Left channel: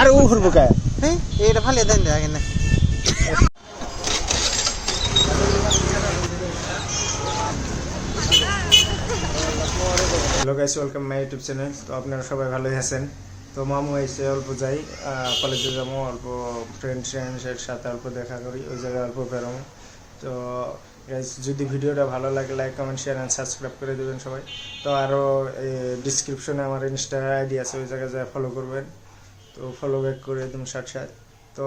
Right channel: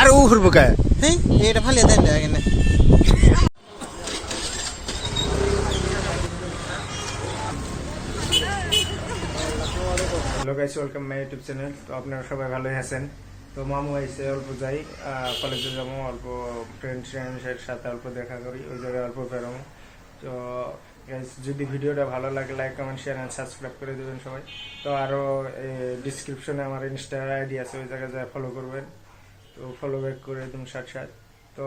আর ও ঘুরবো কে এটা ফালিয়ে দেন আগে না hello guys, welcome my YouTube channel. তো আপনারা সবাই ভালোই আছেন। তো মামু এসে অল্প যাই কলেজে যাবো, অল্প ফ্রেন্ডসের সাথে অল্প দেখা করি, ওই জায়গায় অল্প বেরোবো। তো গাইস, যদি ভিডিওটা ভালো লাগে like comment share and subscribe করে দেবেন সবাই। তো আরও ডিসক্রিপশনে আমার ইনস্টা আইডি আছে, ওই জায়গায় যা ফলো করবেন। তো ফলো ব্যাক করে একদম সাথে। তো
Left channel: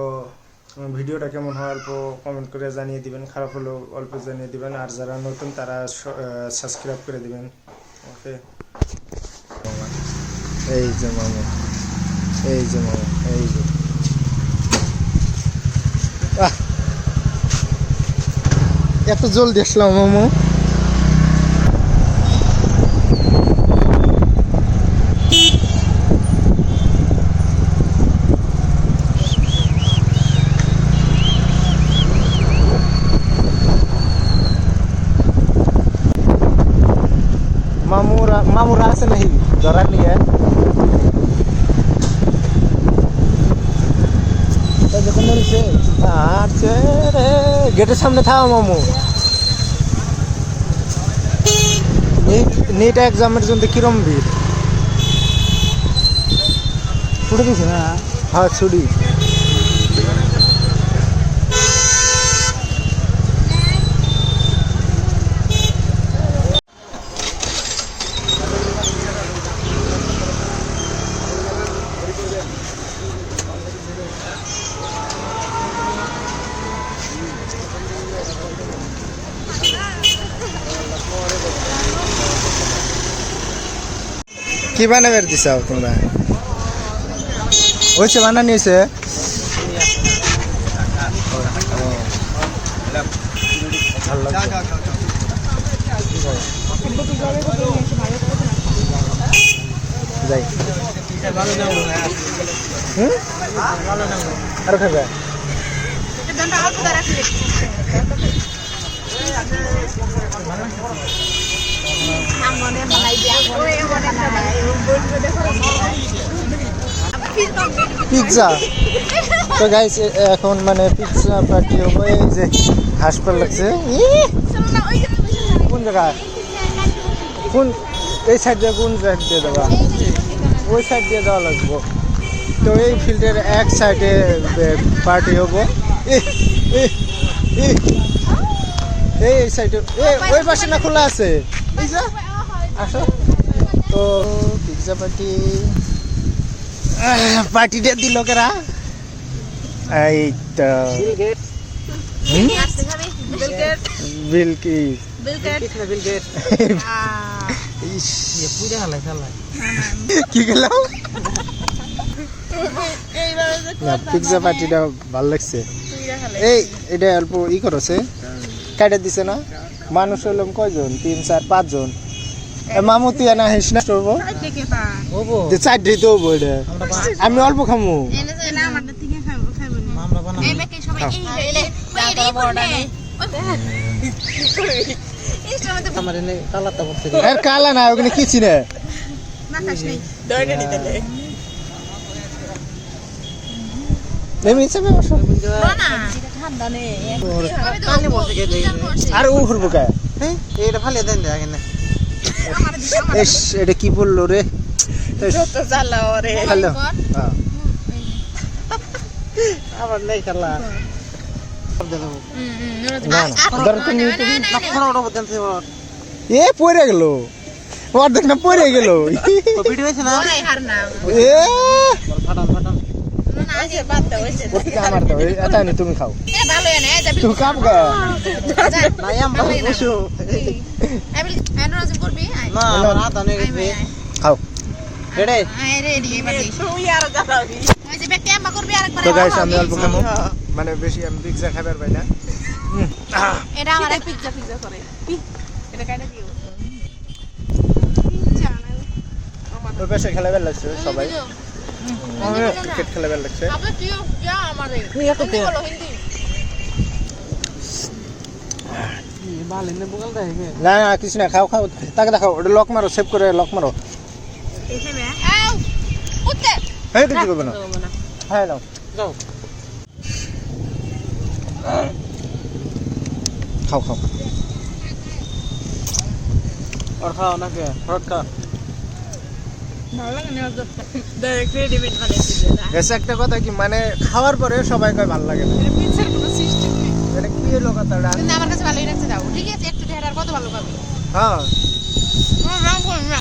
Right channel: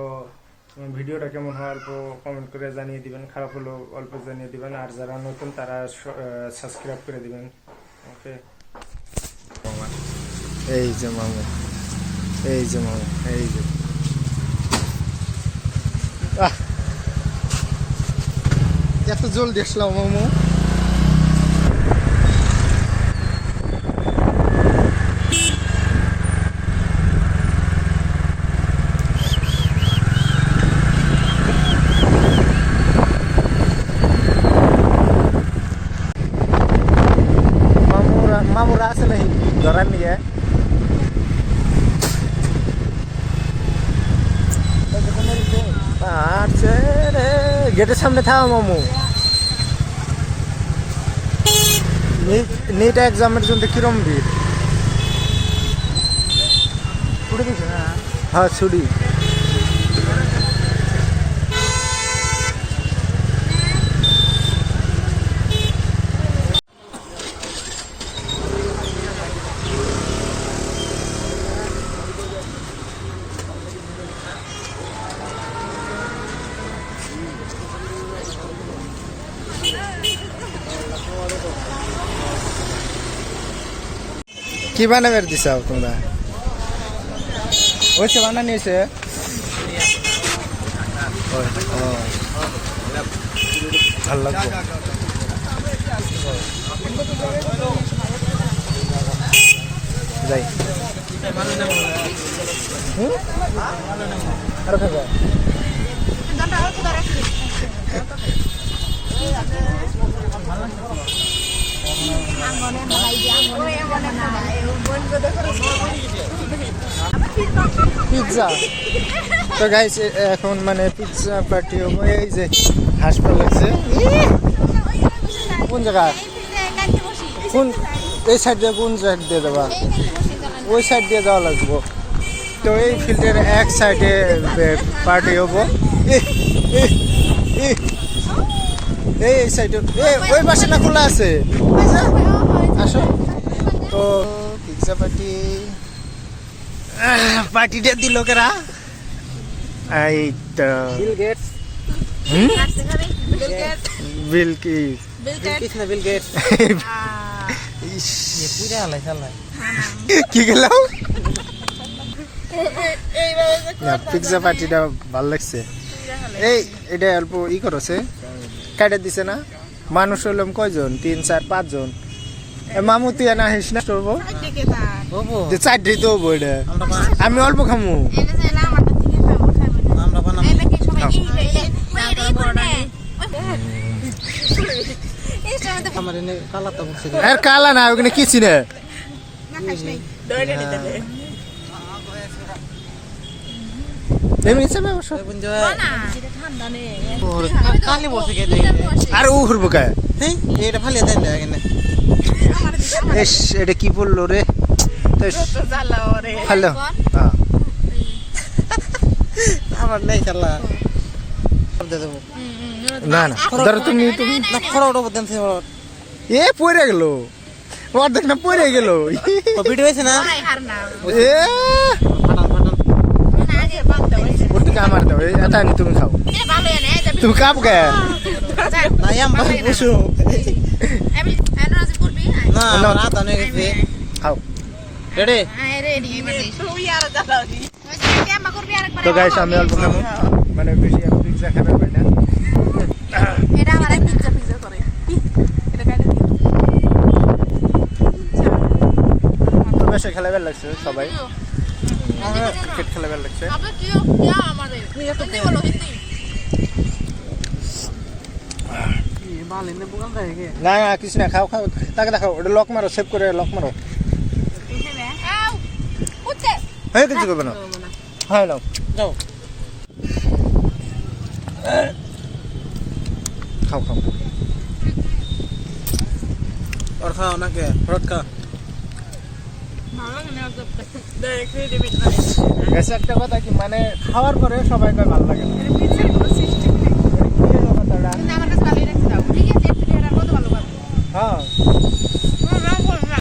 ভিডিওটা কেমন হয় অল্প কমেন্ট করে জানিয়ে দিবেন, খারাপ হলেও অল্প জানিয়ে দিবেন, আর যারা নতুন তারা সাবস্ক্রাইব করে দিবেন। ওকে, এই যে মামু, এই যে মামু, এই যে এত জলদি আসলাম মামু। মামুরা আছে নাকি ধরার নিয়ে? গেটের সামনে থাও মামু। নিট এক্সামের জন্য কিরম ভিড়? ছুটি দিছে না? হ্যাঁ ছুটি। কি বানাবে দিছাও তোমরা? ওইছে বানানি হয়েছে? ভালো লাগবে। যাই আরো খাবে? পিৎজা। তো গাইস, এখন মানে পিৎজা পার্টি হবো। এই যে হাসপাতাল লাগছে। কোন জায়গা? কোন এই সাইড দিয়ে? কোন সাইড দিয়ে যাবা? ওই সাইড দিয়ে যাওয়া লাগবো। তো এই ফিল্ডের এক সাইডে পার্টি হবো। এই সাইডে ওই পাশে না খোলা আছে? আসো। তো পিৎজা পার্টিটা দিল কেরা? এই তো বিল কি গেল? পিৎজা পার্টিটা ভালো লাগছে। এটা অল্প ই করছে, কাটে দিছে না? মানুষ হলাম কয়জন? 3, 4, 5 জন। মামু তুই না হিস না করবো চারটি তো হবো। এটা আমি অল্প খামু। কালা না, ওখানে কি চিনে? আর ও ঘুরবো কে? এটা ফালিয়ে দেন আগে না এটা কি বললো রে? হ্যালো, আমার নেই চালা না না ধরো তুমি এ পড়ে গেল অর্ধেক না পড়ে গেল। ভিডিও হয়েছে না? আমার দাও, এটা নি তুমি খাও। তুমি কাপ গে খাও। তো গাইস, আমি অল্প খাবো, মানে বেশি আমি পিৎজা খাবে পাই না। তো বেশি খেলা বেল লাগছে সবাই, ক্রিকেট খেলা বেল লাগছে। না না কিছু না, খাও খাও, তাকে দেখাও। ওটা লক মারো, সেভ করে লক মারো। হ্যাঁ কিছু করবে না। হ্যাঁ দাও যাও খাও খাও আর খাও নাকি ফরট খা এসে একটা কথা কি মানে খাওয়ার পরে সবাই কয় ভালো লাগে না এটা কি হলো কথাটা হ্যাঁ